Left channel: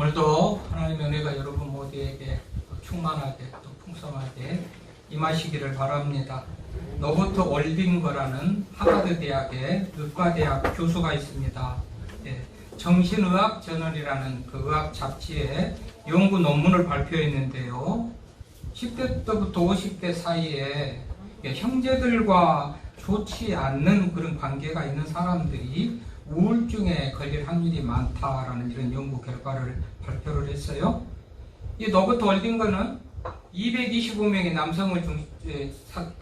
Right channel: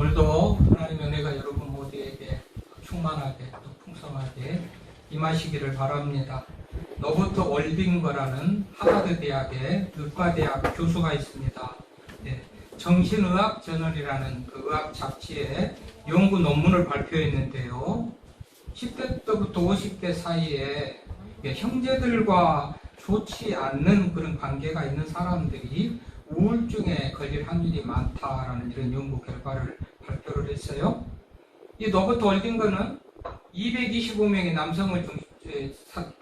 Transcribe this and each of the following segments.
오늘도 하나님의 은혜가 여러분 모두에게 충만하게 또 풍성하게 임하시기를 바랍니다. 로버트 월빙거라는 하버드 대학의 의과대학 교수가 있습니다. 정신의학 저널이라는 그 의학 잡지에 연구 논문을 발표했는데요. 10대 때부터 50대 사이에 형제들과 좋지 않는 그런 관계가 있는 사람들이 우울증에 걸릴 확률이 많다라는 이런 연구 결과를 발표를 했어요. 이 로버트 월빙거는 225명의 남성을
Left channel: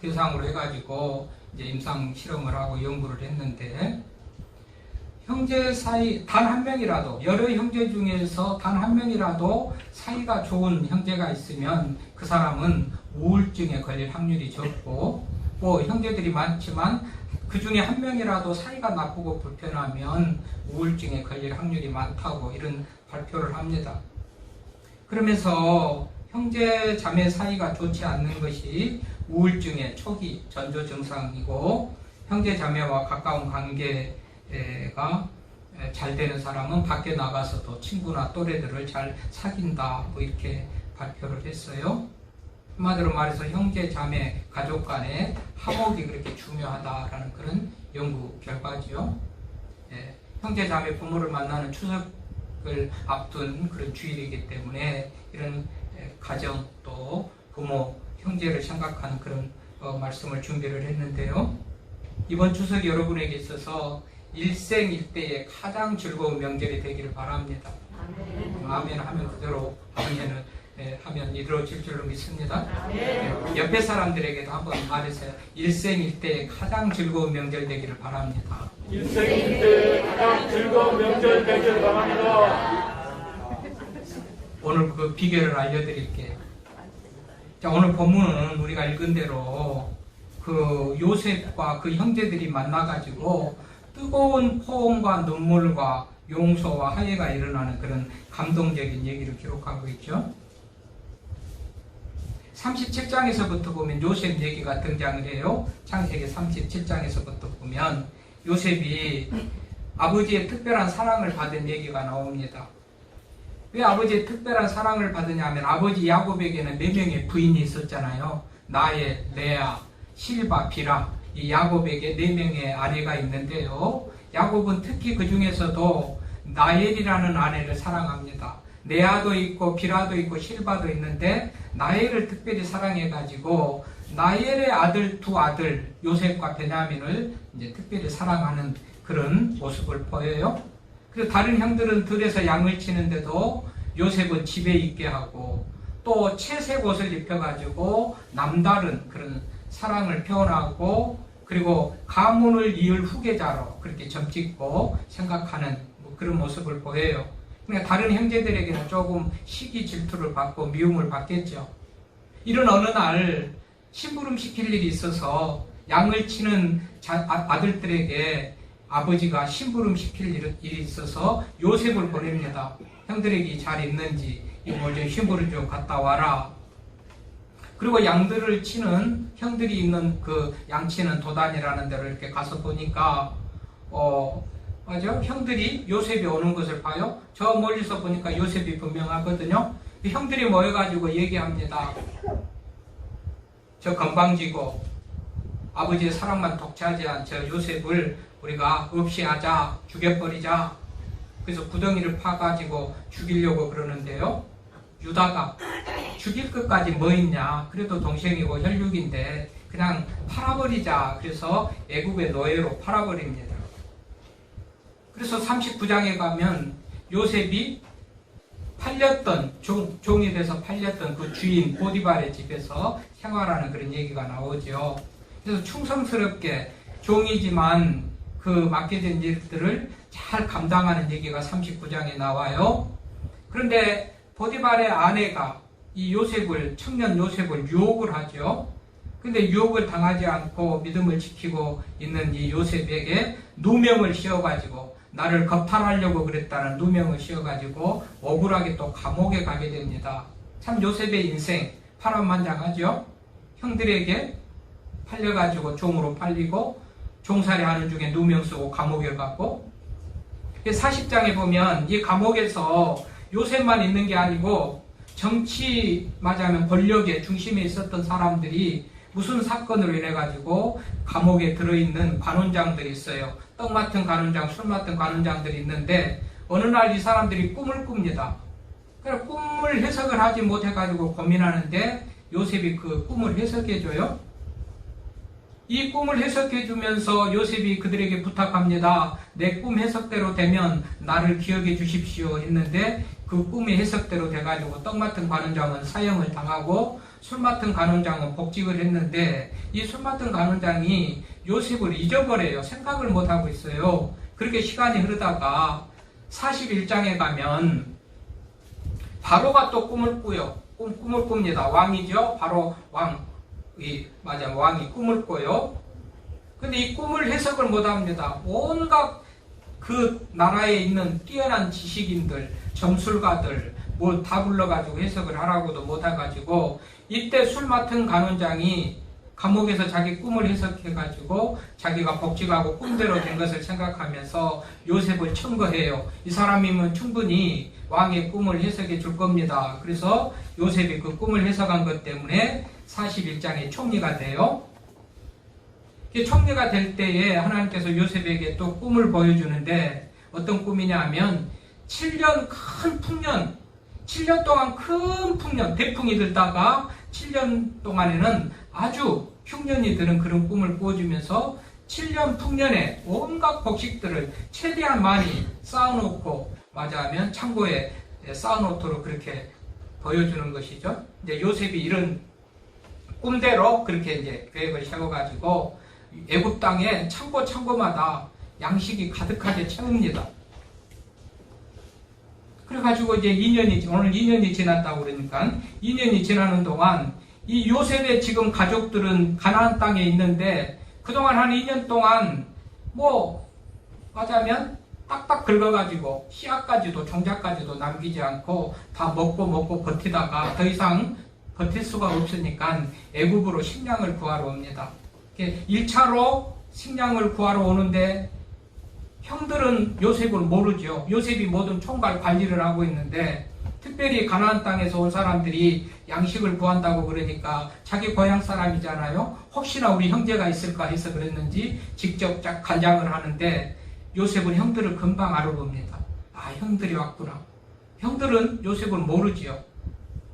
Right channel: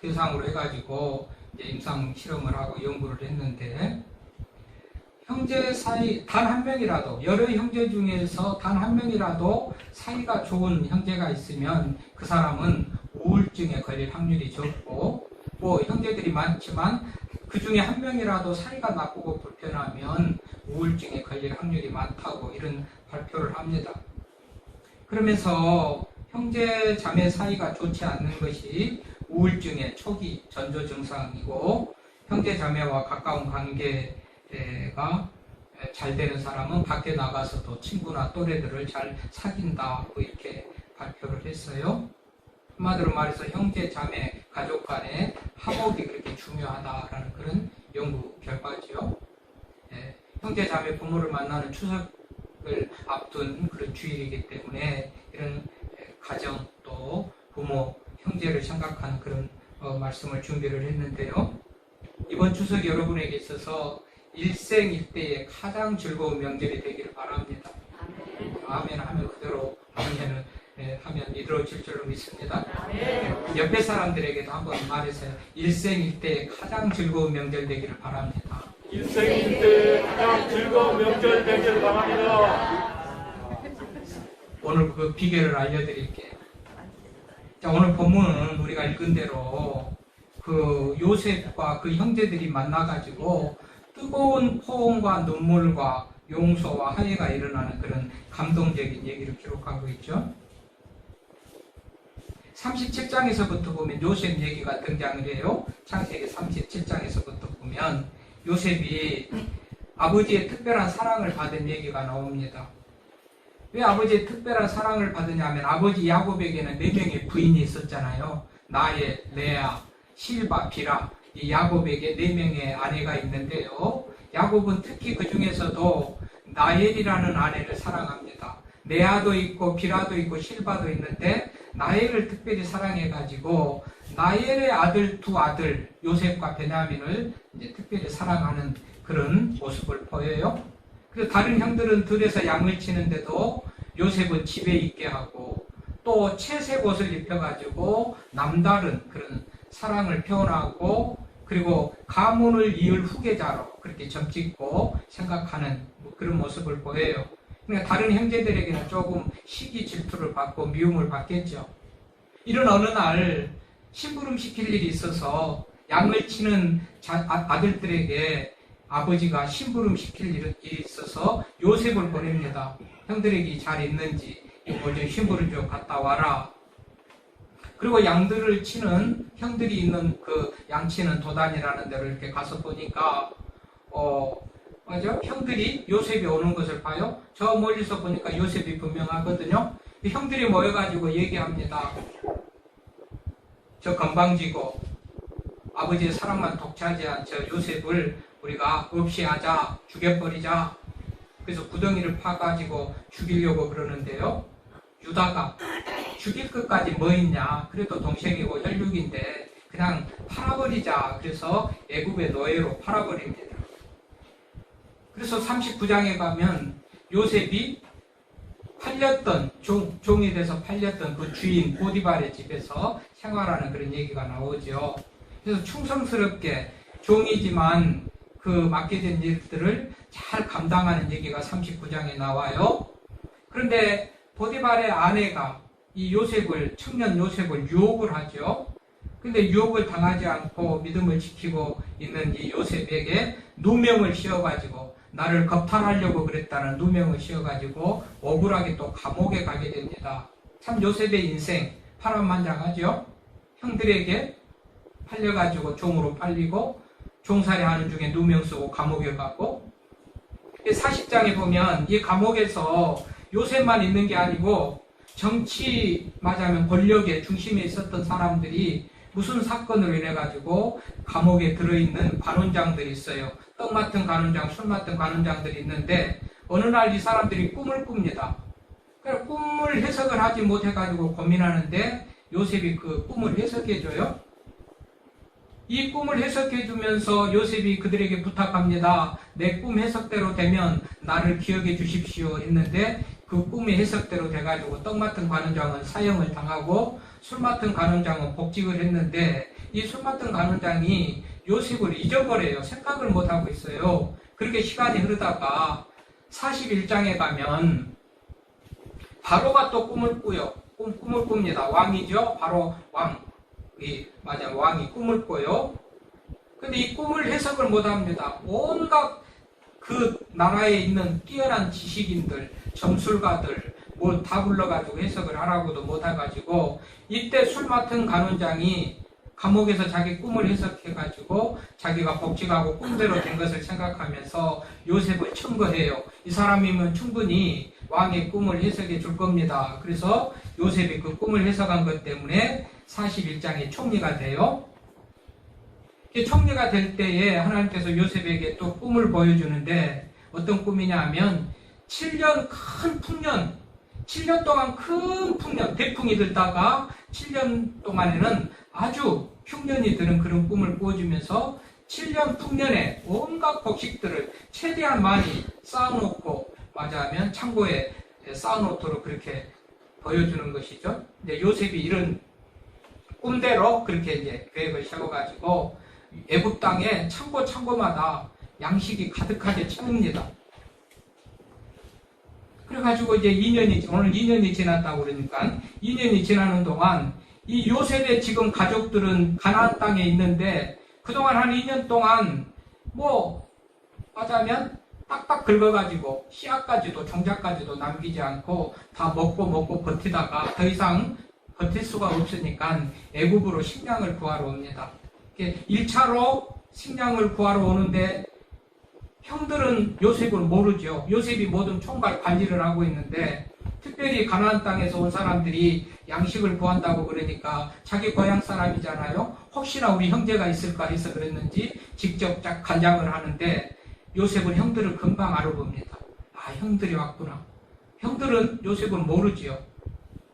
대상으로 해가지고 이제 임상 실험을 하고 연구를 했는데, 형제 사이 단 한 명이라도, 여러 형제 중에서 단 한 명이라도 사이가 좋은 형제가 있으면 그 사람은 우울증에 걸릴 확률이 적고, 또 형제들이 많지만 그 중에 한 명이라도 사이가 나쁘고 불편하면 우울증에 걸릴 확률이 많다고 이런 발표를 합니다. 그러면서 형제 자매 사이가 좋지 않는 것이 우울증의 초기 전조 증상이고, 형제 자매와 가까운 관계가 잘 되는 사람은 밖에 나가서도 친구나 또래들을 잘 사귄다, 뭐 이렇게 발표를 했어요. 한마디로 말해서 형제 자매 가족 간의 화목이 그렇게 중요하다라는 그런 연구 결과지요. 형제 자매 부모를 만나는 추석을 앞둔 그런 주일이기 때문에 이런 가정 또 부모 형제를 생각하는 그런 말씀을 준비를 했는데요. 이번 추석이 여러분에게 있어서 일생일대의 가장 즐거운 명절이 되기를 바랍니다. 아멘 하면 그대로 하면 이루어질 줄로 믿습니다. 옆에 사람들에게도 한번 말해서요. 일생일대의 가장 즐거운 명절 되기를 바랍니다. 일생일대의 가장 즐거운 명절 되기를 바랍니다. 오늘 그 비결을 알려드릴게요. 자, 오늘 본문은 우리가 읽은 대로 그 요셉과 그 형제들이 만나가지고 뜨거운 포옹과 눈물과 용서와 화해가 일어나는 그런 감동적인 얘기를 기록하고 있죠. 37장에서부터 보면 요셉 얘기가 등장을 해요. 창세기 37장에서부터 보면 요셉이 아버지의 특별한 사랑을 받은 얘기가 나옵니다. 왜 아버지의 특별한 사랑을 받으냐면, 아버지 야곱에게는 4명의 부인이 있었잖아요. 나의, 레아, 실바, 비라, 이 야곱에게 4명의 아내가 있는데요. 야곱은 특히 그 중에서도 나엘이라는 아내를 사랑합니다. 레아도 있고 비라도 있고 실바도 있는데 나엘을 특별히 사랑해가지고 나엘의 아들 2아들 요셉과 베냐민을 이제 특별히 사랑하는 그런 모습을 보여요. 그리고 다른 형들은 들에서 양을 치는데도 요셉은 집에 있게 하고, 또 채색 옷을 입혀가지고 남다른 그런 사랑을 표현하고, 그리고 가문을 이을 후계자로 그렇게 점찍고 생각하는 그런 모습을 보여요. 그러니까 다른 형제들에게는 조금 시기 질투를 받고 미움을 받겠죠. 이런 어느 날 심부름 시킬 일이 있어서 양을 치는 아들들에게 아버지가 심부름 시킬 일이 있어서 요셉을 보냅니다. 형들에게 잘 있는지 좀 심부름 좀 갔다 와라. 그리고 양들을 치는 형들이 있는 그 양치는 도단이라는 데로 이렇게 가서 보니까 맞아? 형들이 요셉이 오는 것을 봐요. 저 멀리서 보니까 요셉이 분명하거든요. 형들이 모여가지고 얘기합니다. 저 건방지고 아버지의 사랑만 독차지한 저 요셉을 우리가 없이 하자, 죽여버리자. 그래서 구덩이를 파가지고 죽이려고 그러는데요. 유다가 죽일 것까지 뭐 있냐, 그래도 동생이고 혈육인데 그냥 팔아버리자. 그래서 애굽의 노예로 팔아버립니다. 그래서 39장에 가면 요셉이 팔렸던 종이 돼서 팔렸던 그 주인 보디발의 집에서 생활하는 그런 얘기가 나오죠. 그래서 충성스럽게 종이지만 그 맡겨진 일들을 잘 감당하는 얘기가 39장에 나와요. 그런데 보디발의 아내가 이 요셉을, 청년 요셉을 유혹을 하죠. 근데 유혹을 당하지 않고 믿음을 지키고 있는 이 요셉에게 누명을 씌워가지고, 나를 겁탈하려고 그랬다는 누명을 씌워가지고 억울하게 또 감옥에 가게 됩니다. 참 요셉의 인생 파란만장하죠. 형들에게 팔려가지고 종으로 팔리고 종살이 하는 중에 누명 쓰고 감옥에 갔고, 40장에 보면 이 감옥에서 요셉만 있는 게 아니고 정치 말하자면 권력의 중심에 있었던 사람들이 무슨 사건으로 인해 가지고 감옥에 들어있는 관원장들이 있어요. 떡 맡은 관원장, 술 맡은 관원장들이 있는데 어느 날 이 사람들이 꿈을 꿉니다. 그래서 꿈을 해석을 하지 못해 가지고 고민하는데 요셉이 그 꿈을 해석해줘요. 이 꿈을 해석해주면서 요셉이 그들에게 부탁합니다. 내 꿈 해석대로 되면 나를 기억해 주십시오 했는데 그 꿈의 해석대로 돼가지고 떡 맡은 관원장은 사형을 당하고 술 맡은 관원장은 복직을 했는데 이 술 맡은 관원장이 요셉을 잊어버려요. 생각을 못하고 있어요. 그렇게 시간이 흐르다가 41장에 가면 바로가 또 꿈을 꾸요. 꿈을 꿉니다. 왕이죠. 바로 왕이 꿈을 꿔요. 근데 이 꿈을 해석을 못합니다. 온갖 그 나라에 있는 뛰어난 지식인들, 점술가들 뭐 다 불러가지고 해석을 하라고도 못해가지고 이때 술 맡은 관원장이 감옥에서 자기 꿈을 해석해가지고 자기가 복직하고 꿈대로 된 것을 생각하면서 요셉을 청거해요. 이 사람이면 충분히 왕의 꿈을 해석해 줄 겁니다. 그래서 요셉이 그 꿈을 해석한 것 때문에 41장에 총리가 돼요. 총리가 될 때에 하나님께서 요셉에게 또 꿈을 보여주는데 어떤 꿈이냐 하면 7년 큰 풍년, 7년 동안 큰 풍년, 대풍이 들다가 7년 동안에는 아주 흉년이 드는 그런 꿈을 꾸어주면서 7년 풍년에 온갖 곡식들을 최대한 많이 쌓아놓고 말하자면 창고에 쌓아놓도록 그렇게 보여주는 것이죠. 이제 요셉이 이런 꿈대로 그렇게 이제 계획을 세워가지고 애굽 땅에 창고마다 양식이 가득하게 채웁니다. 그래가지고 이제 오늘 2년이 지났다고 그러니까 2년이 지나는 동안 이 요셉의 지금 가족들은 가나안 땅에 있는데 그동안 한 2년 동안 하자면 딱딱 긁어가지고 씨앗까지도 종자까지도 남기지 않고 다 먹고 버티다가 더 이상 버틸 수가 없으니까 애굽으로 식량을 구하러 옵니다. 1차로 식량을 구하러 오는데 형들은 요셉을 모르죠. 요셉이 모든 총괄 관리를 하고 있는데 특별히 가나안 땅에서 온 사람들이 양식을 구한다고 그러니까 자기 고향 사람이잖아요. 혹시나 우리 형제가 있을까 해서 그랬는지 직접 쫙 간장을 하는데 요셉은 형들을 금방 알아봅니다. 아, 형들이 왔구나. 형들은 요셉을 모르지요.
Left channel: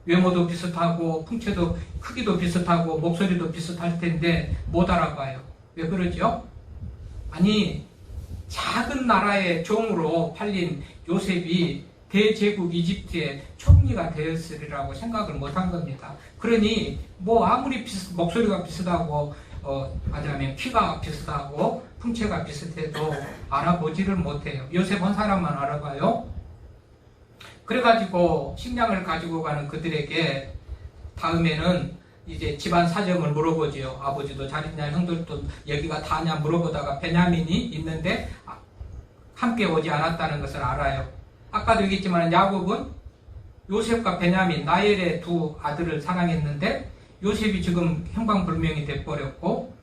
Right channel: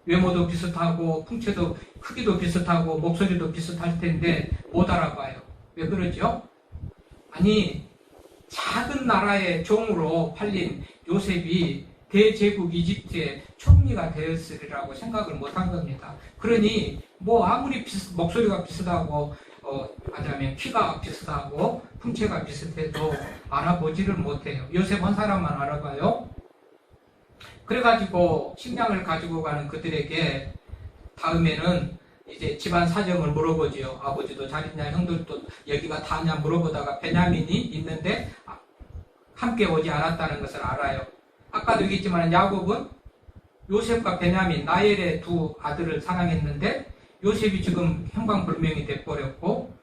외모도 비슷하고 풍채도 크기도 비슷하고 목소리도 비슷할 텐데 못 알아봐요. 왜 그러죠? 아니, 작은 나라의 종으로 팔린 요셉이 대제국 이집트의 총리가 되었으리라고 생각을 못한 겁니다. 그러니 아무리 목소리가 비슷하고 하자면 키가 비슷하고 풍채가 비슷해도 알아보지를 못해요. 요셉 한 사람만 알아봐요. 그래가지고 식량을 가지고 가는 그들에게 다음에는 이제 집안 사정을 물어보지요. 아버지도 잘 있냐, 형들도 여기가 다냐 물어보다가 베냐민이 있는데 함께 오지 않았다는 것을 알아요. 아까도 얘기했지만 야곱은 요셉과 베냐민, 나엘의 두 아들을 사랑했는데 요셉이 지금 형광불명이 돼버렸고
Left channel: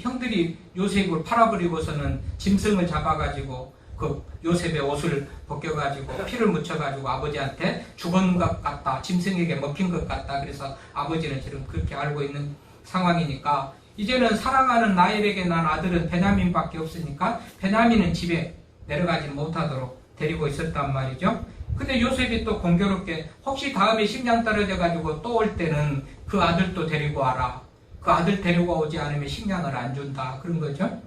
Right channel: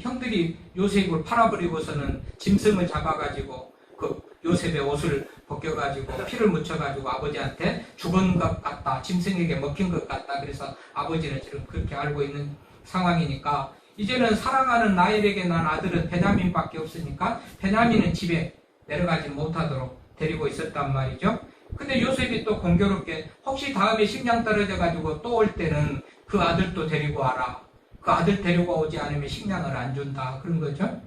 형들이 요셉을 팔아버리고서는 짐승을 잡아가지고 그 요셉의 옷을 벗겨가지고 피를 묻혀가지고 아버지한테 죽은 것 같다, 짐승에게 먹힌 것 같다. 그래서 아버지는 지금 그렇게 알고 있는 상황이니까 이제는 사랑하는 나엘에게 난 아들은 베냐민밖에 없으니까 베냐민은 집에 내려가지 못하도록 데리고 있었단 말이죠. 근데 요셉이 또 공교롭게 혹시 다음에 식량 떨어져가지고 또 올 때는 그 아들도 데리고 와라. 그 아들 데리고 오지 않으면 식량을 안 준다. 그런 거죠.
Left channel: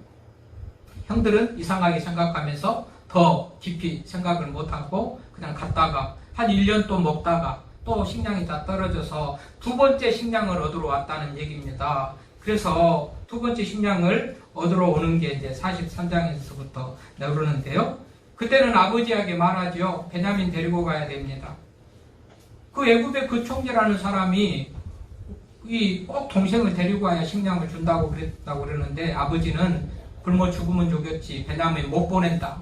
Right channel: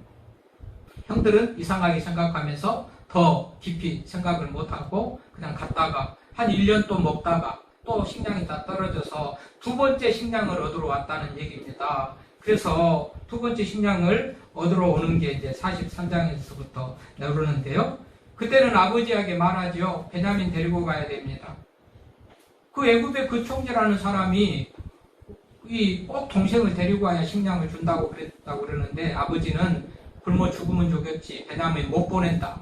형들은 이상하게 생각하면서 더 깊이 생각을 못하고 그냥 갔다가 한 1년 또 먹다가 또 식량이 다 떨어져서 두 번째 식량을 얻으러 왔다는 얘기입니다. 그래서 두 번째 식량을 얻으러 오는 게 이제 43장에서부터 나오는데요. 그때는 아버지에게 말하죠. 베냐민 데리고 가야 됩니다. 그 애굽의 그 총재라는 사람이 꼭 동생을 데리고 와야 식량을 준다고 그랬다고 그러는데 아버지는 굶어 죽으면 죽였지 베냐민 못 보낸다.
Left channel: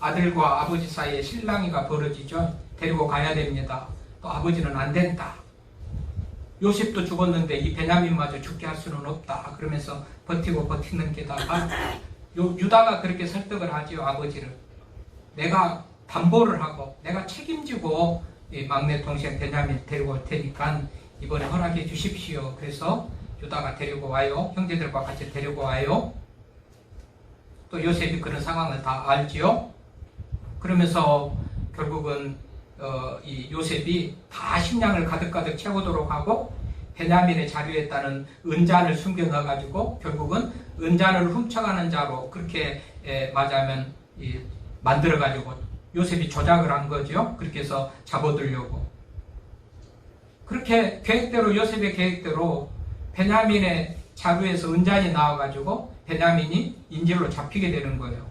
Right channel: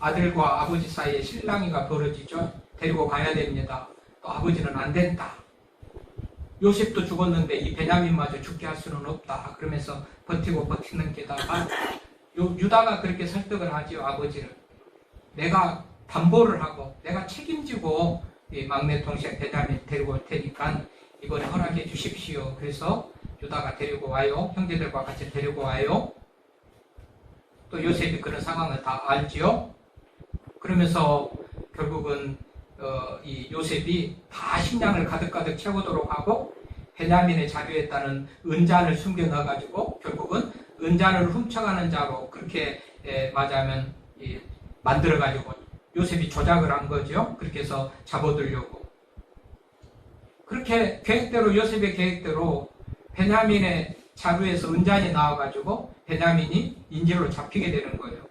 아들과 아버지 사이에 실랑이가 벌어지죠. 데리고 가야 됩니다. 또 아버지는 안 된다. 요셉도 죽었는데 이 베냐민마저 죽게 할 수는 없다. 그러면서 버티는 게다가 유다가 그렇게 설득을 하지요. 아버지를. 내가 담보를 하고 내가 책임지고 이 막내 동생 베냐민 데리고 올 테니까 이번에 허락해 주십시오. 그래서 유다가 데리고 와요. 형제들과 같이 데리고 와요. 또 요셉이 그런 상황을 다 알지요. 그러면서 결국은 이 요셉이 다 식량을 가득가득 채우도록 하고 베냐민의 자리에 따른 은잔을 숨겨 넣어가지고 결국은 은잔을 훔쳐가는 자로 그렇게 말하자면 만들어가지고 요셉이 조작을 한 거죠. 그렇게 해서 잡아들려고. 그렇게 계획대로 요셉의 계획대로 베냐민의 자루에서 은잔이 나와가지고 베냐민이 인질로 잡히게 되는 거예요.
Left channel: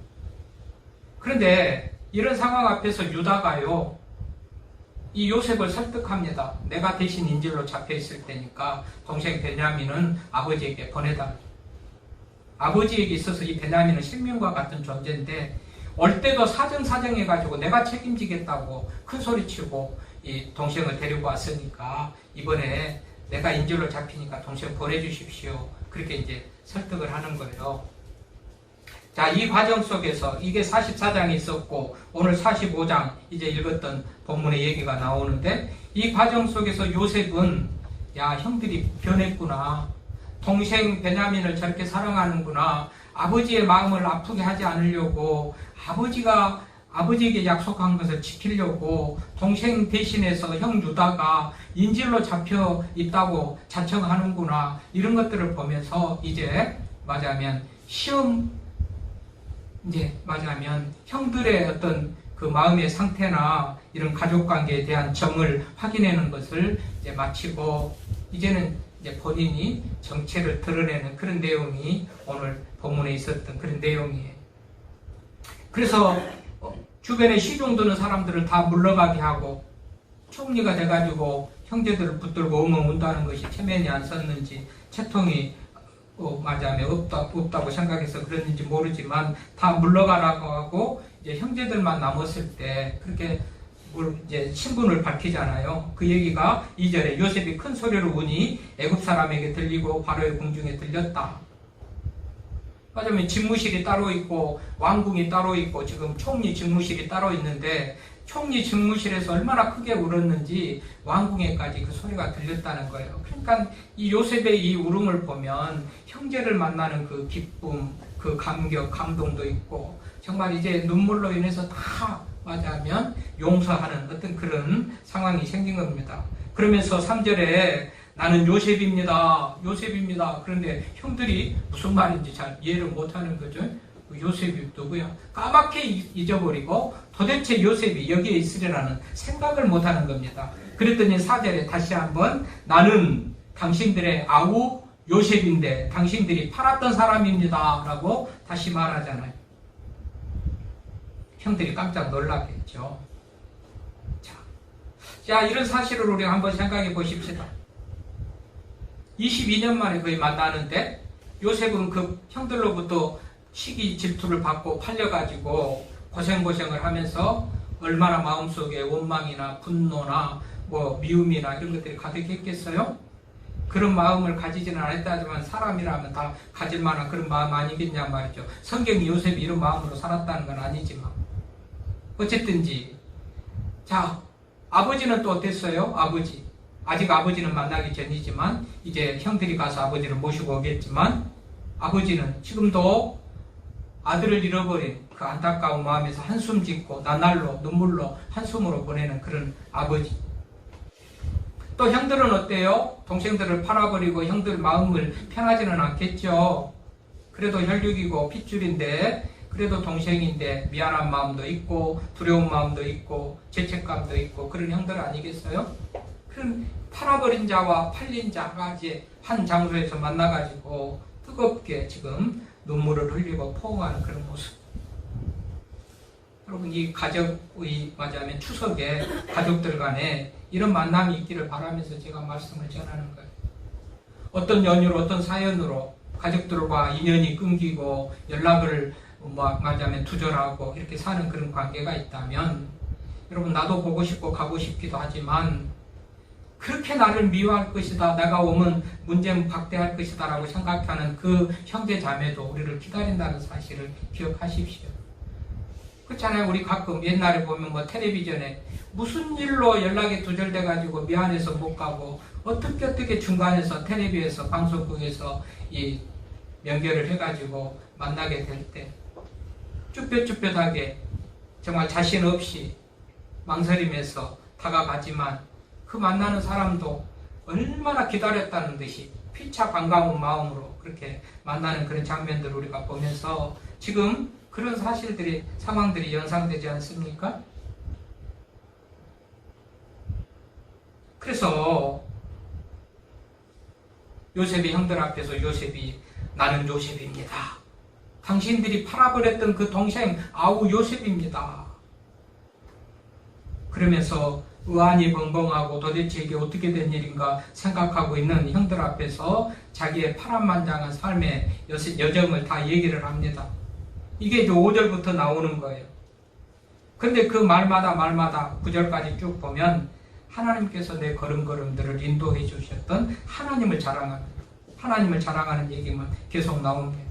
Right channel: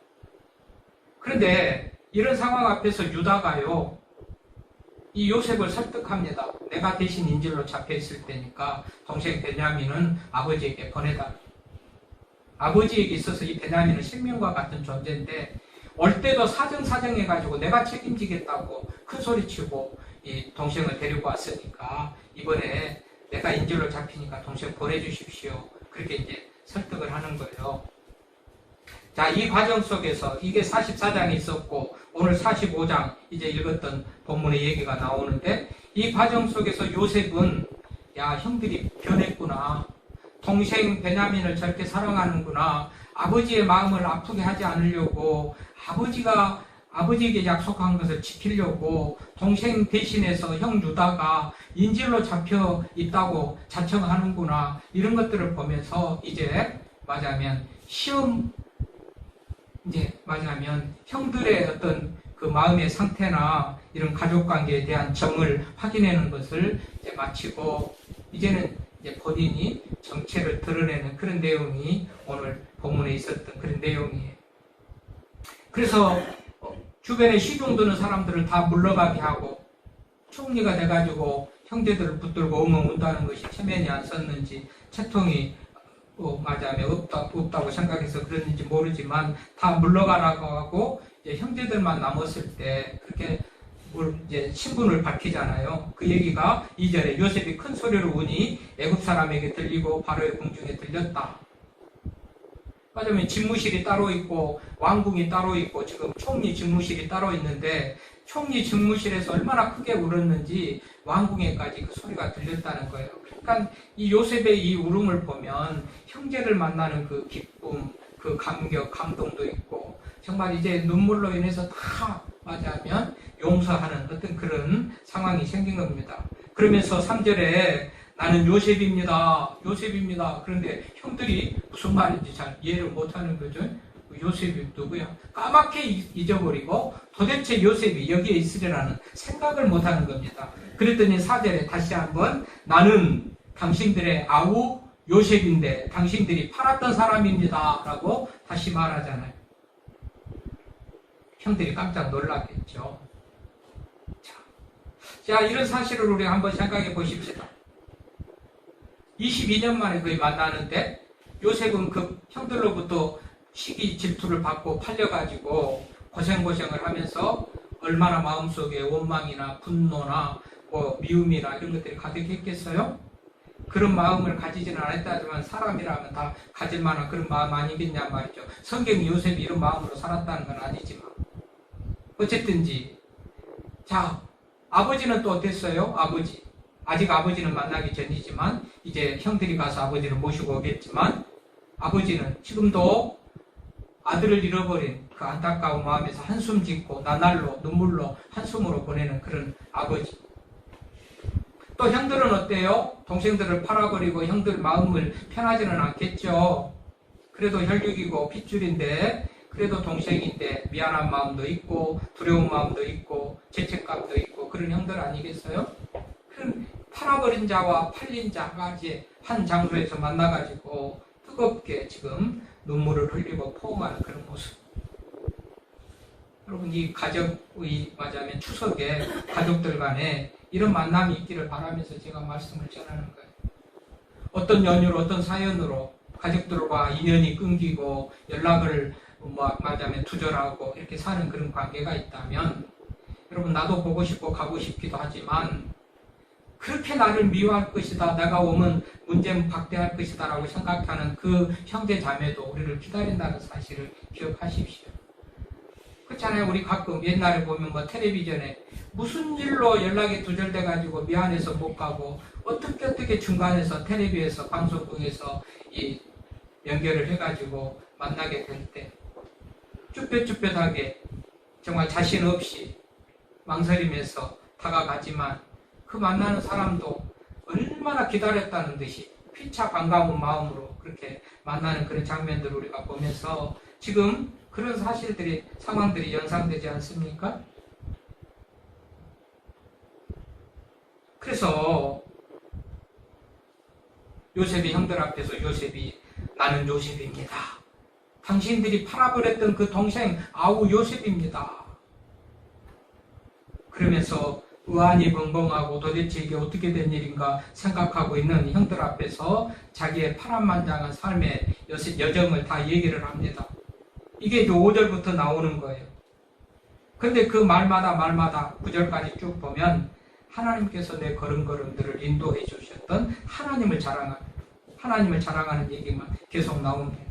그런데 이런 상황 앞에서 유다가요. 이 요셉을 설득합니다. 내가 대신 인질로 잡혀있을 테니까 동생 베냐민은 아버지에게 보내달라. 아버지에게 있어서 이 베냐민은 생명과 같은 존재인데 올 때도 사정사정해가지고 내가 책임지겠다고 큰 소리치고 이 동생을 데리고 왔으니까 이번에 내가 인질로 잡히니까 동생 보내주십시오. 그렇게 이제 설득을 하는 거예요. 자, 이 과정 속에서 이게 44장에 있었고 오늘 45장 이제 읽었던 본문의 얘기가 나오는데 이 과정 속에서 요셉은 야, 형들이 변했구나. 동생 베냐민을 저렇게 사랑하는구나. 아버지의 마음을 아프게 하지 않으려고 아버지가 아버지에게 약속한 것을 지키려고 동생 대신해서 형 유다가 인질로 잡혀 있다고 자청하는구나. 이런 것들을 보면서 이제 말하자면 이제 말하자면 형들의 어떤 그 마음의 상태나 이런 가족 관계에 대한 정을 확인하는 것을 이제 마치고 이제는 이제 본인이 정체를 드러내는 그런 내용이 오늘 본문에 있었던 그런 내용이에요. 그래서 주변에 시중 드는 사람들을 다 물러가게 하고 총리가 돼가지고 형제들을 붙들고 엉엉 운다는 것이 체면이 안 섰는지 채통이 맞아면 없다고 생각해서 그랬는지 모르지만 다 물러가라고 하고 이제 형제들만 남았을 때 그렇게 이제 신분을 밝히잖아요. 그 얘기가 2절에 요셉이 큰 소리로 우니 애굽 사람에게 들리고 바로의 궁중에 들렸다. 맞으면 집무실이 따로 있고 왕궁이 따로 있고 지금 총리 집무실이 따로 있는데 총리 집무실에서 얼마나 크게 울었는지 왕궁에까지 그 소리가 들렸다는 거예요. 그러니까 이 요셉의 이 울음을 보면 형제를 만나는 그 기쁨, 그 감격, 감동도 있고 정말 이제 눈물로 인해서 다 맞아면 용서하는 어떤 그런 상황이 생긴 겁니다. 그러면서 3절에 나는 요셉입니다. 그런데 형들이 무슨 말인지 잘 이해를 못하는 거죠. 요셉이 누구야? 까맣게 잊어버리고 도대체 요셉이 여기에 있으리라는 생각을 못하는 겁니다. 그랬더니 4절에 다시 한번 나는 당신들의 아우 요셉인데 당신들이 팔았던 사람입니다. 라고 다시 말하잖아요. 형들이 깜짝 놀랐겠죠. 자, 이런 사실을 우리가 한번 생각해 보십시다. 22년 만에 거의 만나는데 요셉은 그 형들로부터 시기 질투를 받고 팔려가지고 고생을 하면서 얼마나 마음속에 원망이나 분노나 미움이나 이런 것들이 가득했겠어요? 그런 마음을 가지지는 않았다지만 사람이라면 다 가질 만한 그런 마음 아니겠냐 말이죠. 성경이 요셉이 이런 마음으로 살았다는 건 아니지만 어쨌든지 자, 아버지는 또 어땠어요? 아직 아버지는 만나기 전이지만 이제 형들이 가서 아버지를 모시고 오겠지만 아버지는 지금도 아들을 잃어버린 그 안타까운 마음에서 한숨 짓고 나날로 눈물로 한숨으로 보내는 그런 아버지. 또 형들은 어때요? 동생들을 팔아버리고 형들 마음을 편하지는 않겠죠. 그래도 혈육이고 핏줄인데 그래도 동생인데 미안한 마음도 있고 두려운 마음도 있고 죄책감도 있고 그런 형들 아니겠어요? 그럼 팔아버린 자와 팔린 자가 이제 한 장소에서 만나가지고 뜨겁게 지금 눈물을 흘리고 포옹하는 그런 모습. 여러분 이 가족의 맞아면 추석에 가족들 간에 이런 만남이 있기를 바라면서 제가 말씀을 전하는 거예요. 어떤 연유로 어떤 사연으로 가족들과 인연이 끊기고 연락을 맞아면 두절하고 이렇게 사는 그런 관계가 있다면 여러분 나도 보고 싶고 가고 싶기도 하지만 그렇게 나를 미워할 것이다. 내가 오면 문제는 박대할 것이다 라고 생각하는 그 형제 자매도 우리를 기다린다는 사실을 기억하십시오. 그렇잖아요. 우리 가끔 옛날에 보면 뭐 텔레비전에 무슨 일로 연락이 두절돼가지고 미안해서 못 가고 어떻게 중간에서 텔레비에서 방송국에서 이 연결을 해가지고 만나게 될 때 쭈뼛쭈뼛하게 정말 자신 없이 망설이면서 다가가지만 그 만나는 사람도 얼마나 기다렸다는 듯이 피차 반가운 마음으로 그렇게 만나는 그런 장면들을 우리가 보면서 지금 그런 사실들이 상황들이 연상되지 않습니까? 그래서 요셉의 형들 앞에서 요셉이 나는 요셉입니다. 당신들이 팔아버렸던 그 동생 아우 요셉입니다. 그러면서 의안이 벙벙하고 도대체 이게 어떻게 된 일인가 생각하고 있는 형들 앞에서 자기의 파란만장한 삶의 여정을 다 얘기를 합니다. 이게 이제 5절부터 나오는 거예요. 그런데 그 말마다 9절까지 쭉 보면 하나님께서 내 걸음걸음들을 인도해 주셨던 하나님을 자랑하는 얘기만 계속 나옵니다.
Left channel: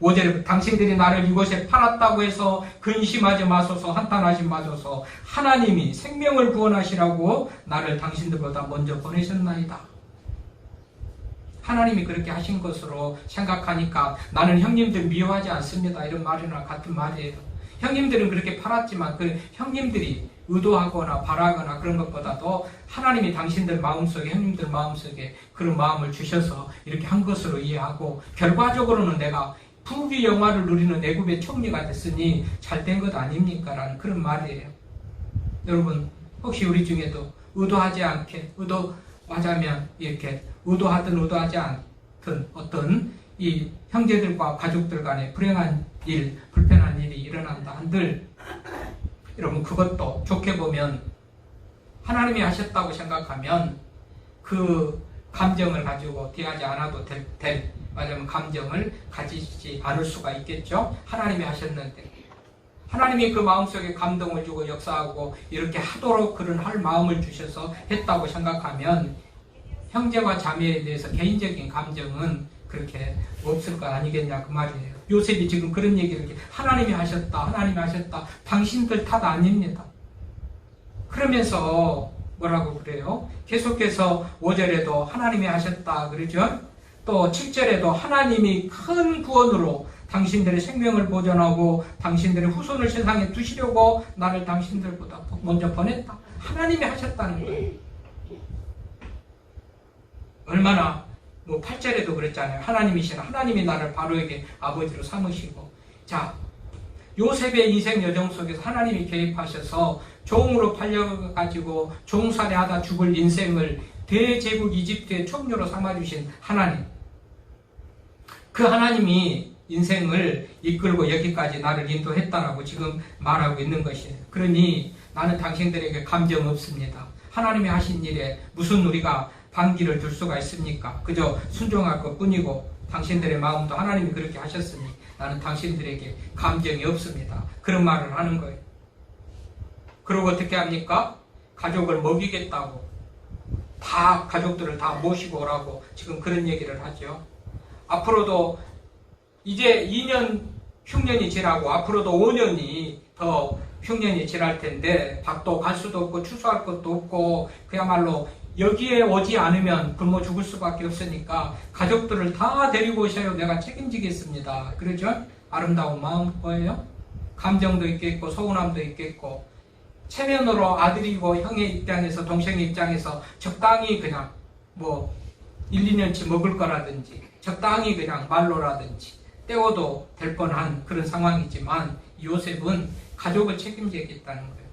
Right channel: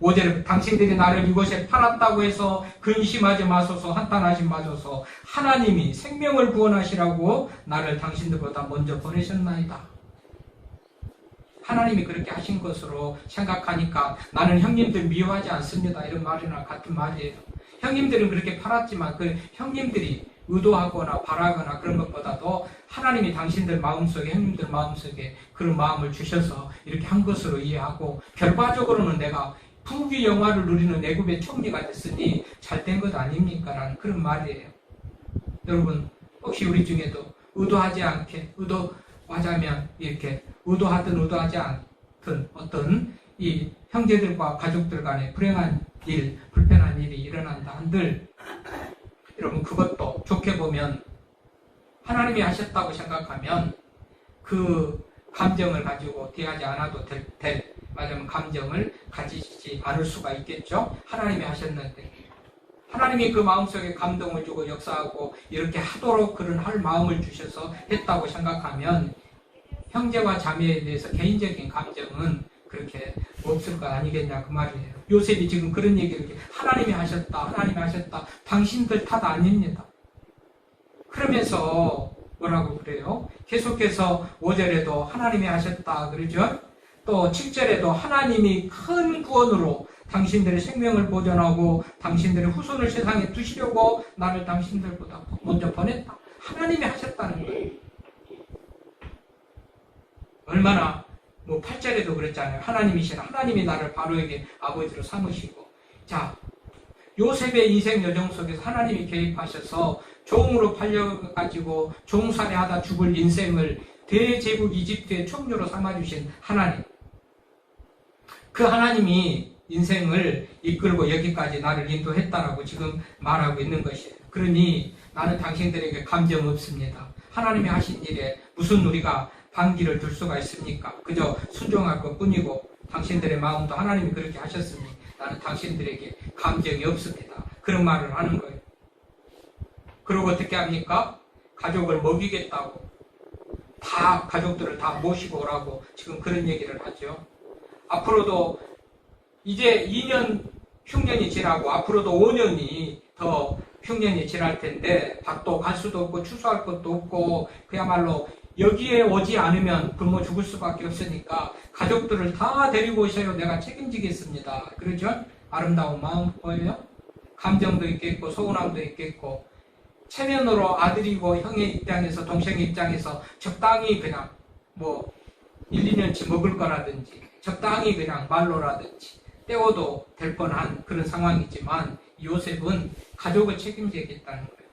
5절에 당신들이 나를 이곳에 팔았다고 해서 근심하지 마소서, 한탄하지 마소서. 하나님이 생명을 구원하시라고 나를 당신들보다 먼저 보내셨나이다. 하나님이 그렇게 하신 것으로 생각하니까 나는 형님들 미워하지 않습니다. 이런 말이나 같은 말이에요. 형님들은 그렇게 팔았지만 그 형님들이 의도하거나 바라거나 그런 것보다도 하나님이 당신들 마음속에, 형님들 마음속에 그런 마음을 주셔서 이렇게 한 것으로 이해하고 결과적으로는 내가 부귀 영화를 누리는 애굽의 총리가 됐으니 잘된 것 아닙니까? 라는 그런 말이에요. 여러분 혹시 우리 중에도 의도하지 않게 의도하자면 이렇게 의도하든 의도하지 않든 어떤 이 형제들과 가족들 간에 불행한 일, 불편한 일이 일어난다 한들 여러분 그것도 좋게 보면 하나님이 하셨다고 생각하면 그 감정을 가지고 대하지 않아도 될 맞으면 감정을 가지지 않을 수가 있겠죠. 하나님이 하셨는데 하나님이 그 마음속에 감동을 주고 역사하고 이렇게 하도록 그런 할 마음을 주셔서 했다고 생각하면 형제와 자매에 대해서 개인적인 감정은 그렇게 없을 거 아니겠냐 그 말이에요. 요셉이 지금 그런 얘기를 하나님이 하셨다 당신들 탓 아닙니다. 그러면서 뭐라고 그래요? 계속해서 5절에도 하나님이 하셨다 그러죠. 또 7절에도 하나님이 큰 구원으로 당신들의 생명을 보존하고 당신들의 후손을 세상에 두시려고 나를 당신들보다 먼저 보냈다. 하나님이 하셨다는 거예요. 얼마나 8절에도 그랬잖아요. 하나님이 나를 바로에게 아버지로 삼으시고. 자, 요셉의 인생 여정 속에서 하나님이 개입하셔서 종으로 팔려가지고 종살이하다 죽을 인생을 대제국 이집트의 총리로 삼아주신 하나님. 그 하나님이 인생을 이끌고 여기까지 나를 인도했다라고 지금 말하고 있는 것이에요. 그러니 나는 당신들에게 감정 없습니다. 하나님이 하신 일에 무슨 우리가 반기를 둘 수가 있습니까? 그저 순종할 것뿐이고 당신들의 마음도 하나님이 그렇게 하셨으니 나는 당신들에게 감정이 없습니다. 그런 말을 하는 거예요. 그리고 어떻게 합니까? 가족을 먹이겠다고 다 가족들을 다 모시고 오라고 지금 그런 얘기를 하죠. 앞으로도 이제 2년 흉년이 지나고 앞으로도 5년이 더 흉년이 지날 텐데 밭도 갈 수도 없고 추수할 것도 없고 그야말로 여기에 오지 않으면 굶어 죽을 수밖에 없으니까 가족들을 다 데리고 오셔야 내가 책임지겠습니다. 그러죠? 아름다운 마음 보여요? 감정도 있겠고 서운함도 있겠고 체면으로 아들이고 형의 입장에서 동생의 입장에서 적당히 그냥 1, 2년치 먹을 거라든지 적당히 그냥 말로라든지 때워도 될 뻔한 그런 상황이지만 요셉은 가족을 책임지겠다는 거예요.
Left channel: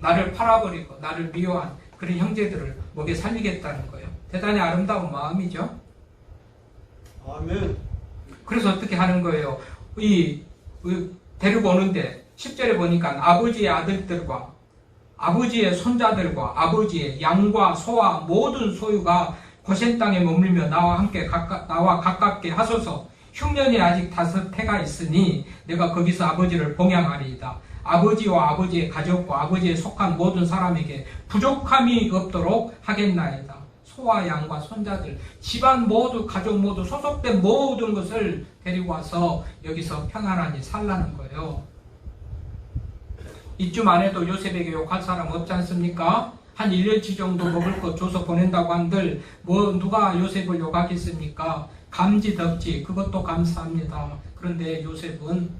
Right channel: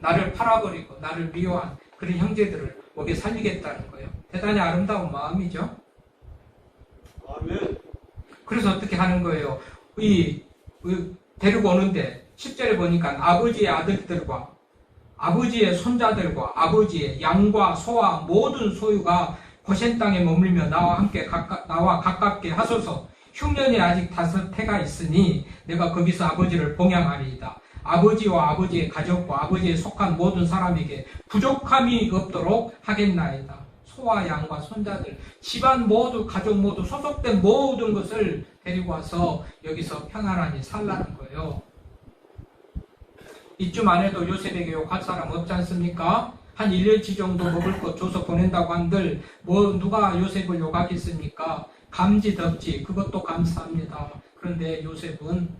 나를 팔아버리고 나를 미워한 그런 형제들을 먹여 살리겠다는 거예요. 대단히 아름다운 마음이죠. 아멘. 그래서 어떻게 하는 거예요? 데리고 오는데 10절에 보니까 아버지의 아들들과 아버지의 손자들과 아버지의 양과 소와 모든 소유가 고센 땅에 머물며 나와 가깝게 하소서. 흉년이 아직 5해가 있으니 내가 거기서 아버지를 봉양하리이다. 아버지와 아버지의 가족과 아버지에 속한 모든 사람에게 부족함이 없도록 하겠나이다. 소와 양과 손자들, 집안 모두, 가족 모두, 소속된 모든 것을 데리고 와서 여기서 평안하니 살라는 거예요. 이쯤 안 해도 요셉에게 욕할 사람 없지 않습니까? 한 1년치 정도 먹을 것 줘서 보낸다고 한들 뭐 누가 요셉을 욕하겠습니까? 감지덕지 그것도 감사합니다. 그런데 요셉은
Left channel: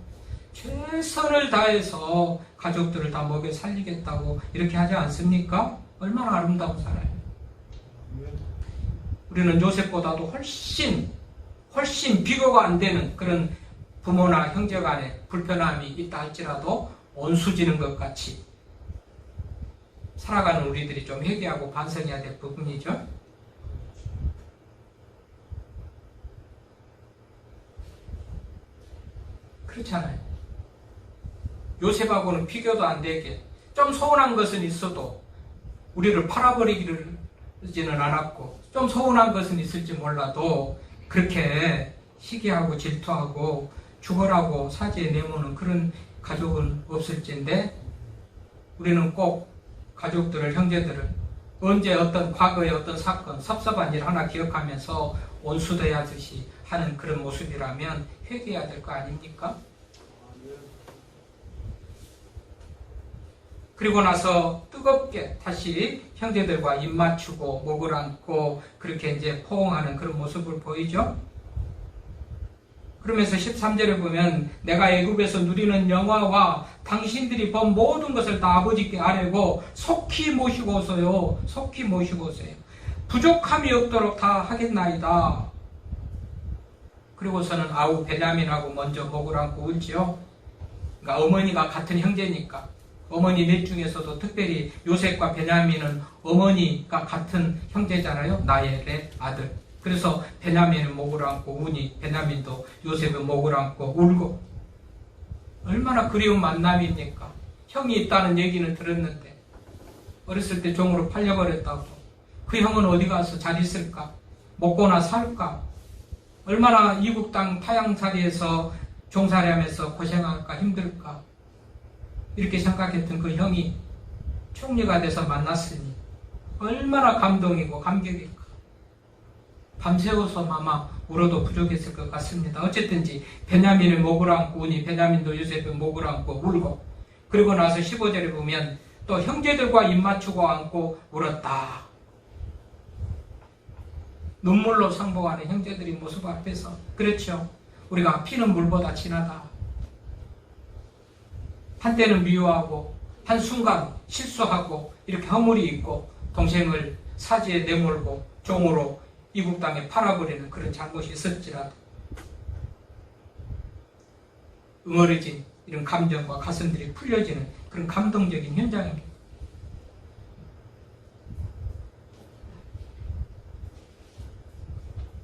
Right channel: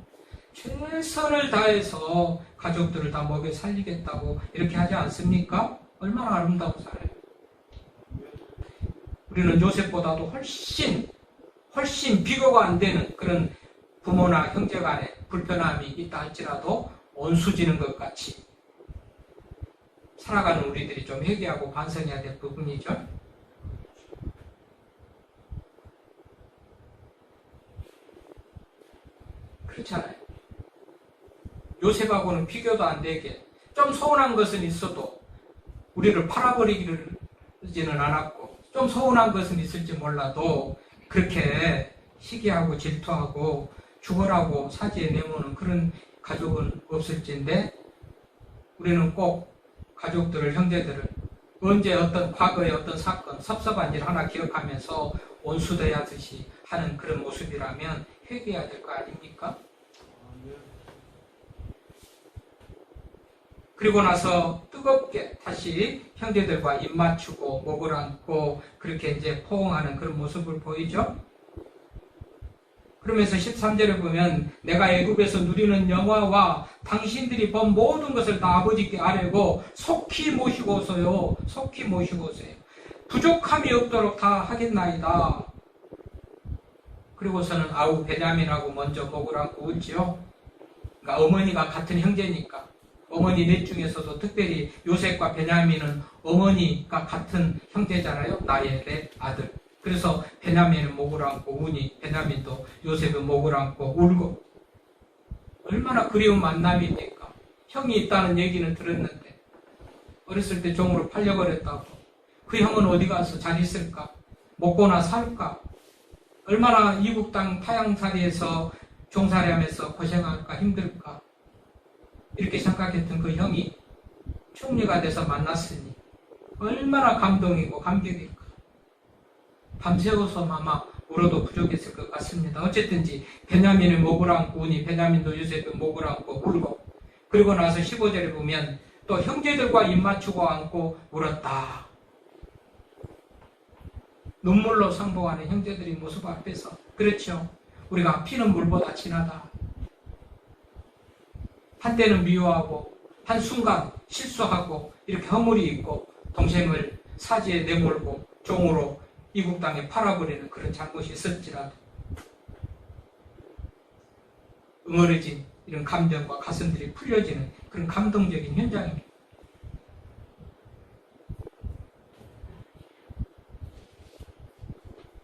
최선을 다해서 가족들을 다 먹여 살리겠다고 이렇게 하지 않습니까? 얼마나 아름다운 사람이에요. 우리는 요셉보다도 훨씬 비교가 안 되는 그런 부모나 형제 간에 불편함이 있다 할지라도 온수지는 것 같이 살아가는 우리들이 좀 회개하고 반성해야 될 부분이죠. 그렇잖아요. 요셉하고는 비교도 안 되게 좀 서운한 것은 있어도 우리를 팔아버리지는 않았고 좀 서운한 것은 있을지 몰라도 그렇게 시기하고 질투하고 죽어라고 사지에 내모는 그런 가족은 없을진데 우리는 꼭 가족들을 형제들을 언제 어떤 과거의 어떤 사건 섭섭한 일 하나 기억하면서 온수대하듯이 하는 그런 모습이라면 회개해야 될 거 아닙니까? 그리고 나서 뜨겁게 다시 형제들과 입 맞추고 목을 안고 그렇게 이제 포옹하는 그런 모습을 보이죠. 그러면서 13절에 보면 내가 애굽에서 누리는 영화와 당신들이 본 모든 것을 다 아버지께 아뢰고 속히 모시고서요. 부족함이 없도록 다 하겠나이다. 그리고서는 아우 베냐민하고 먼저 목을 안고 울지요. 그러니까 어머니가 같은 형제니까 어머니 넷 중에서도 특별히 요셉과 베냐민은 어머니가 같은 형제잖아요. 나의 내 아들. 그래서 베냐민은 목을 안고 우니 베냐민도 요셉은 목을 안고 울고 얼마나 그리운 만남입니까? 형이 있다는 얘기는 들었는데 어렸을 때 종으로 팔려버렸다고 그 형은 어디 가서 잘 있을까? 먹고나 살까? 얼마나 이국 땅 타향살이에서 종살이하면서 고생할까 힘들까? 이렇게 생각했던 그 형이 총리가 돼서 만났으니 얼마나 감동이고 감격일까? 밤새워서 아마 울어도 부족했을 것 같습니다. 어쨌든지 베냐민의 목을 안고 우니 베냐민도 요셉의 목을 안고 울고 그리고 나서 15절에 보면 또 형제들과 입 맞추고 안고 울었다. 눈물로 상봉하는 형제들의 모습 앞에서 그렇죠. 우리가 피는 물보다 진하다. 한때는 미워하고 한순간 실수하고 이렇게 허물이 있고 동생을 사지에 내몰고 종으로 이국 땅에 팔아버리는 그런 잘못이 있을지라도 응어려진 이런 감정과 가슴들이 풀려지는 그런 감동적인 현장입니다.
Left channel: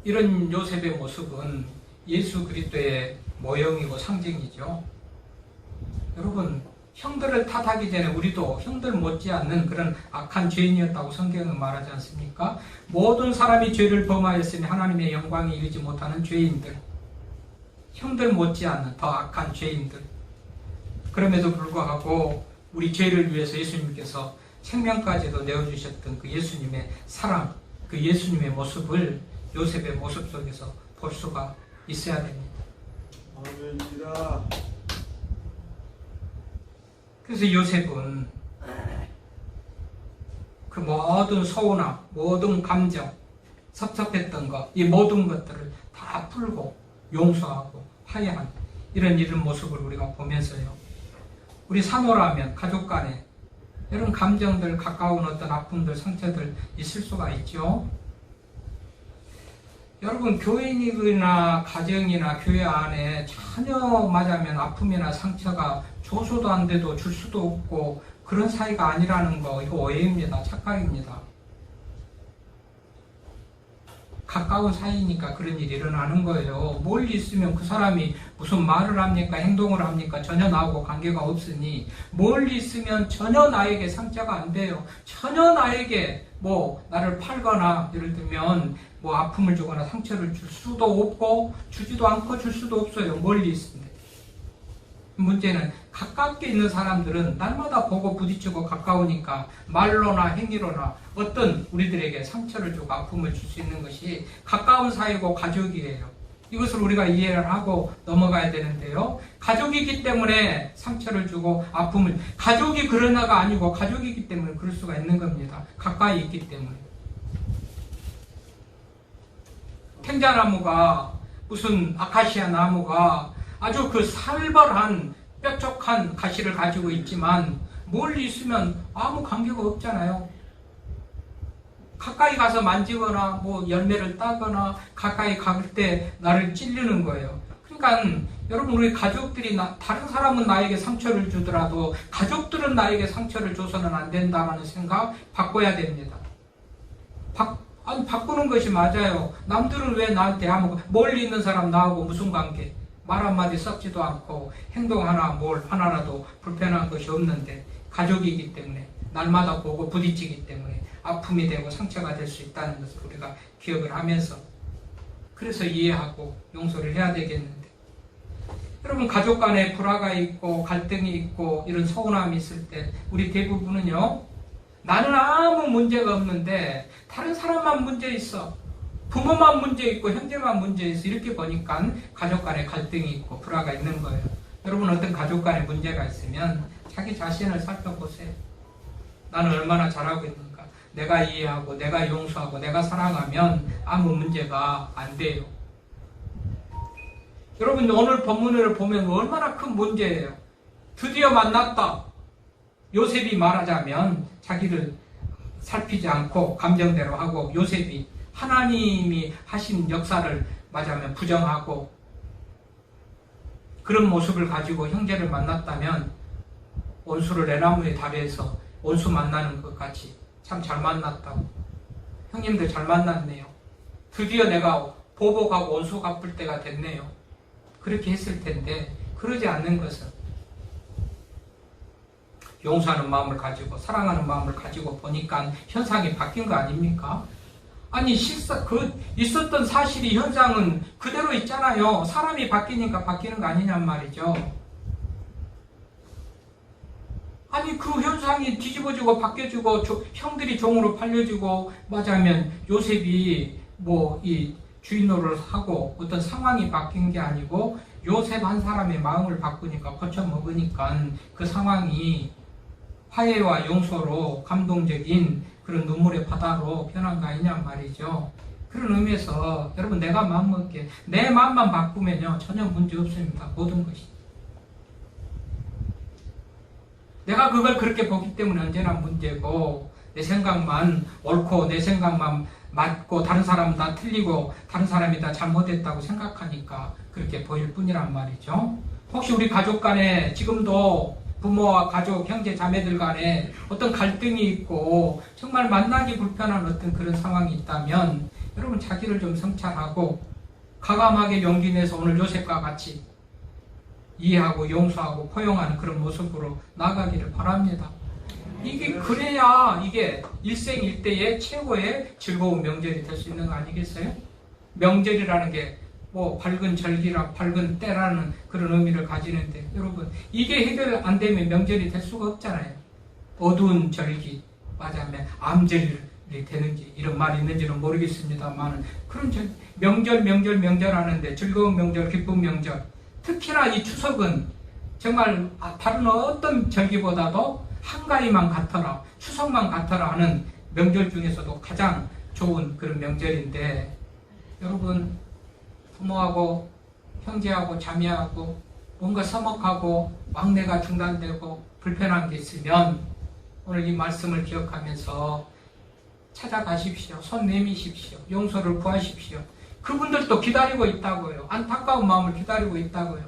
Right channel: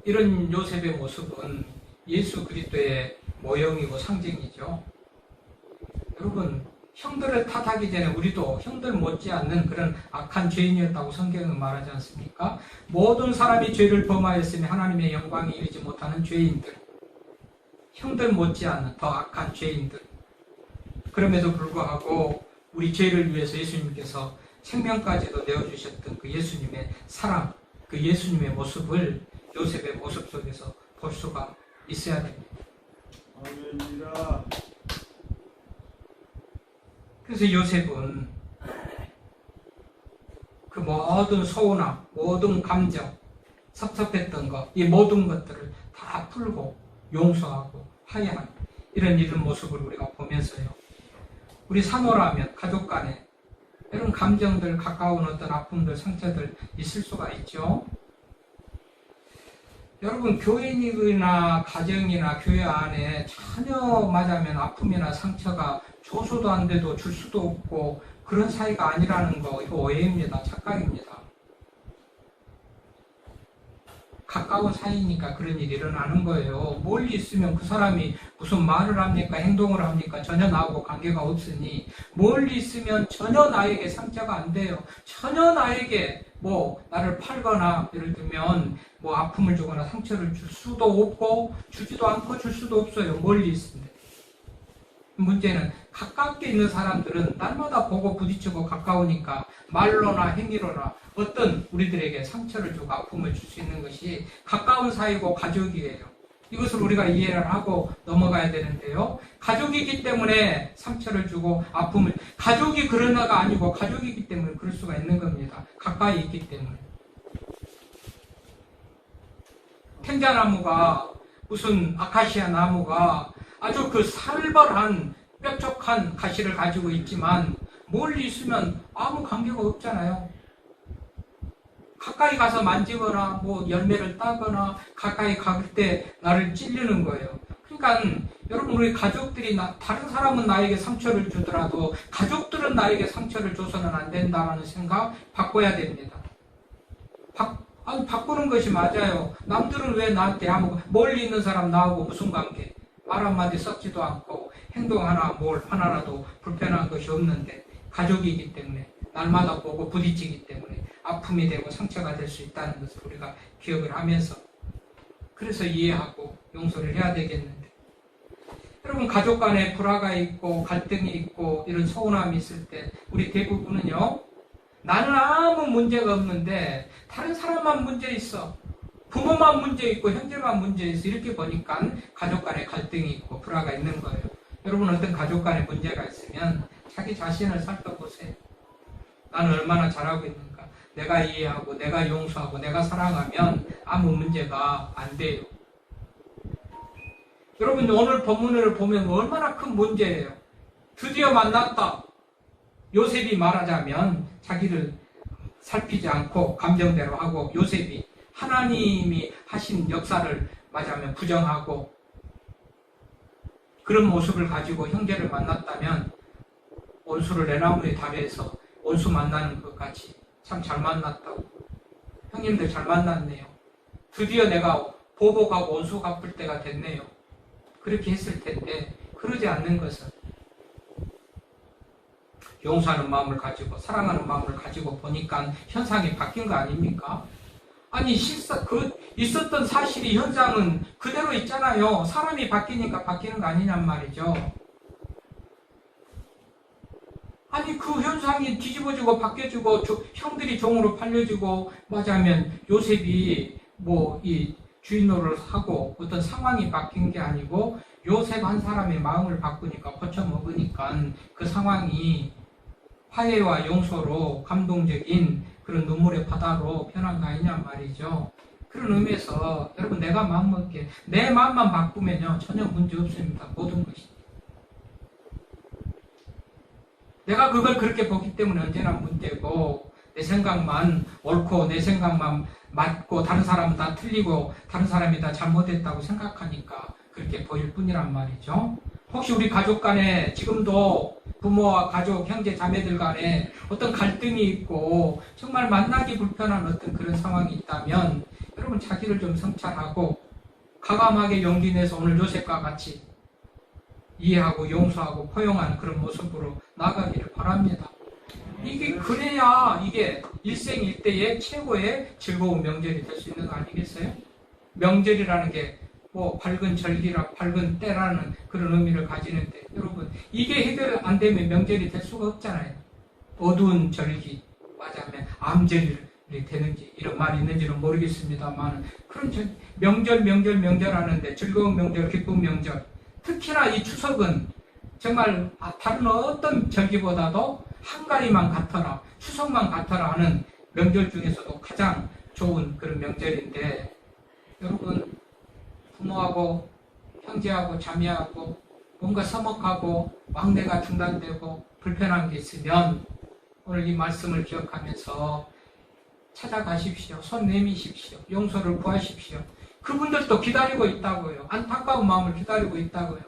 이런 요셉의 모습은 예수 그리스도의 모형이고 상징이죠. 여러분 형들을 탓하기 전에 우리도 형들 못지않는 그런 악한 죄인이었다고 성경은 말하지 않습니까? 모든 사람이 죄를 범하였으니 하나님의 영광에 이르지 못하는 죄인들, 형들 못지않는 더 악한 죄인들. 그럼에도 불구하고 우리 죄를 위해서 예수님께서 생명까지도 내어주셨던 그 예수님의 사랑, 그 예수님의 모습을 요셉의 모습 속에서 볼 수가 있어야 됩니다. 아멘입니다. 그래서 요셉은 그 모든 소원함, 모든 감정, 섭섭했던 것, 이 모든 것들을 다 풀고 용서하고 화해하는 이런 모습을 우리가 보면서요. 우리 사노라면 가족 간에 이런 감정들, 가까운 어떤 아픔들, 상처들 있을 수가 있죠. 여러분 교인이나 가정이나 교회 안에 전혀 맞으면 아픔이나 상처가 줘서도 안 돼도 줄 수도 없고 그런 사이가 아니라는 거 이거 오해입니다. 착각입니다. 가까운 사이니까 그런 일이 일어나는 거예요. 멀리 있으면 그 사람이 무슨 말을 합니까? 행동을 합니까? 전혀 나하고 관계가 없으니 멀리 있으면 전혀 나에게 상처가 안 돼요. 전혀 나에게 나를 팔거나 예를 들면 아픔을 주거나 상처를 줄 수도 없고 주지도 않고 줄 수도 없어요. 멀리 있습니다. 문제는 가깝게 있는 사람들은 날마다 보고 부딪히고 가까우니까 말로나 행위로나 어떤 우리들에게 상처를 주고 아픔을 줄 수 있는 것이 가까운 사이고 가족이에요. 이것을 우리가 이해를 하고 넘어가야 되는데요. 가족이기 때문에 상처를 주고 아픔을, 가족이 그러나가 아니고 가족이기 때문에 그럴 수가 있는 겁니다. 가까이 있기 때문에. 탱자나무가 무슨 아카시아 나무가 아주 그 살벌한 뾰족한 가시를 가지고 있지만 멀리 있으면 아무 관계가 없잖아요. 가까이 가서 만지거나 뭐 열매를 따거나 가까이 갈 때 나를 찔리는 거예요. 그러니까 여러분 우리 가족들이 다른 사람은 나에게 상처를 주더라도 가족들은 나에게 상처를 줘서는 안 된다는 생각 바꿔야 됩니다. 바꾸는 것이 맞아요. 남들은 왜 나한테 아무 멀리 있는 사람 나하고 무슨 관계? 말 한마디 썩지도 않고 행동 하나 뭘 하나라도 불편한 것이 없는데 가족이기 때문에 날마다 보고 부딪히기 때문에 아픔이 되고 상처가 될 수 있다는 것을 우리가 기억을 하면서 그래서 이해하고 용서를 해야 되겠는데 여러분 가족 간에 불화가 있고 갈등이 있고 이런 서운함이 있을 때 우리 대부분은요 나는 아무 문제가 없는데 다른 사람만 문제 있어 부모만 문제 있고 형제만 문제 있어 이렇게 보니까 가족 간에 갈등이 있고 불화가 있는 거예요. 여러분 어떤 가족 간에 문제가 있으면 자기 자신을 살펴보세요. 나는 얼마나 잘하고 있는가. 내가 이해하고 내가 용서하고 내가 사랑하면 아무 문제가 안 돼요. 여러분 오늘 본문을 보면 얼마나 큰 문제예요. 드디어 만났다. 요셉이 말하자면 자기를 살피지 않고 감정대로 하고 요셉이 하나님이 하신 역사를 말하자면 부정하고 그런 모습을 가지고 형제를 만났다면 온수를 내나무에 달해서 온수 만나는 것 같이 참 잘 만났다고. 형님들 잘 만났네요. 드디어 내가 보복하고 온수 갚을 때가 됐네요. 그렇게 했을 텐데 그러지 않는 것은 용서하는 마음을 가지고 사랑하는 마음을 가지고 보니까 현상이 바뀐 거 아닙니까? 아니 있었던 사실이 현상은 그대로 있잖아요. 사람이 바뀌니까 바뀌는 거 아니냔 말이죠. 아니 그 현상이 뒤집어지고 바뀌어지고 형들이 종으로 팔려지고 맞아면 요셉이 뭐 이 주인 노릇을 하고 어떤 상황이 바뀐 게 아니고 요셉 한 사람의 마음을 바꾸니까 고쳐먹으니까 그 상황이 화해와 용서로 감동적인 그런 눈물의 바다로 변한 거 아니냐 말이죠. 그런 의미에서 여러분 내가 마음먹게 내 마음만 바꾸면요 전혀 문제 없습니다. 모든 것이. 내가 그걸 그렇게 보기 때문에 언제나 문제고 내 생각만 옳고 내 생각만 맞고 다른 사람은 다 틀리고 다른 사람이 다 잘못했다고 생각하니까 그렇게 보일 뿐이란 말이죠. 혹시 우리 가족 간에 지금도 부모와 가족, 형제, 자매들 간에 어떤 갈등이 있고 정말 만나기 불편한 어떤 그런 상황이 있다면 여러분 자기를 좀 성찰하고 과감하게 용기 내서 오늘 요셉과 같이 이해하고 용서하고 포용하는 그런 모습으로 나아가기를 바랍니다. 이게 그래야 이게 일생일대의 최고의 즐거운 명절이 될 수 있는 거 아니겠어요? 명절이라는 게 뭐 밝은 절기라 밝은 때라는 그런 의미를 가지는데 여러분 이게 해결 안 되면 명절이 될 수가 없잖아요. 어두운 절기 맞아면 암절이 되는지 이런 말이 있는지는 모르겠습니다만 그런 명절 하는데 즐거운 명절 기쁜 명절 특히나 이 추석은 정말 다른 어떤 절기보다도 한가위만 같아라 추석만 같아라 하는 명절 중에서도 가장 좋은 그런 명절인데 여러분 부모하고 형제하고 자매하고 뭔가 서먹하고 막내가 중단되고 불편한 게 있으면 오늘 이 말씀을 기억하면서 찾아가십시오. 손 내미십시오. 용서를 구하십시오. 그분들도 기다리고 있다고요. 안타까운 마음을 기다리고 있다고요.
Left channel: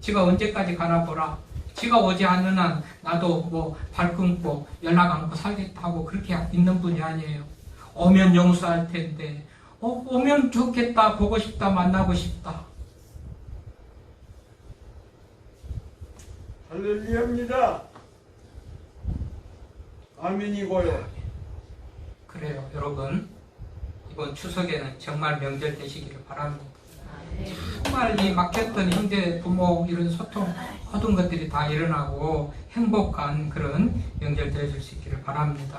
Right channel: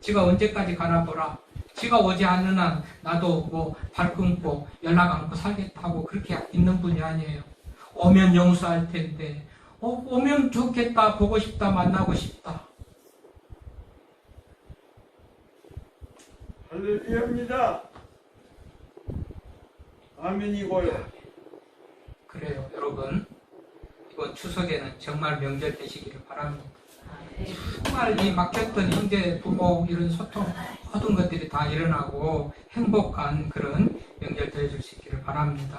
지가 언제까지 가나 보라. 지가 오지 않는 한 나도 뭐 발 끊고 연락 않고 살겠다고 그렇게 있는 분이 아니에요. 오면 용서할 텐데 오면 좋겠다. 보고 싶다. 만나고 싶다. 할렐루야입니다. 아멘이고요. 그래요. 여러분 이번 추석에는 정말 명절 되시기를 바랍니다. 정말 이 막혔던 형제, 부모 이런 소통 모든 것들이 다 일어나고 행복한 그런 명절 되어줄 수 있기를 바랍니다.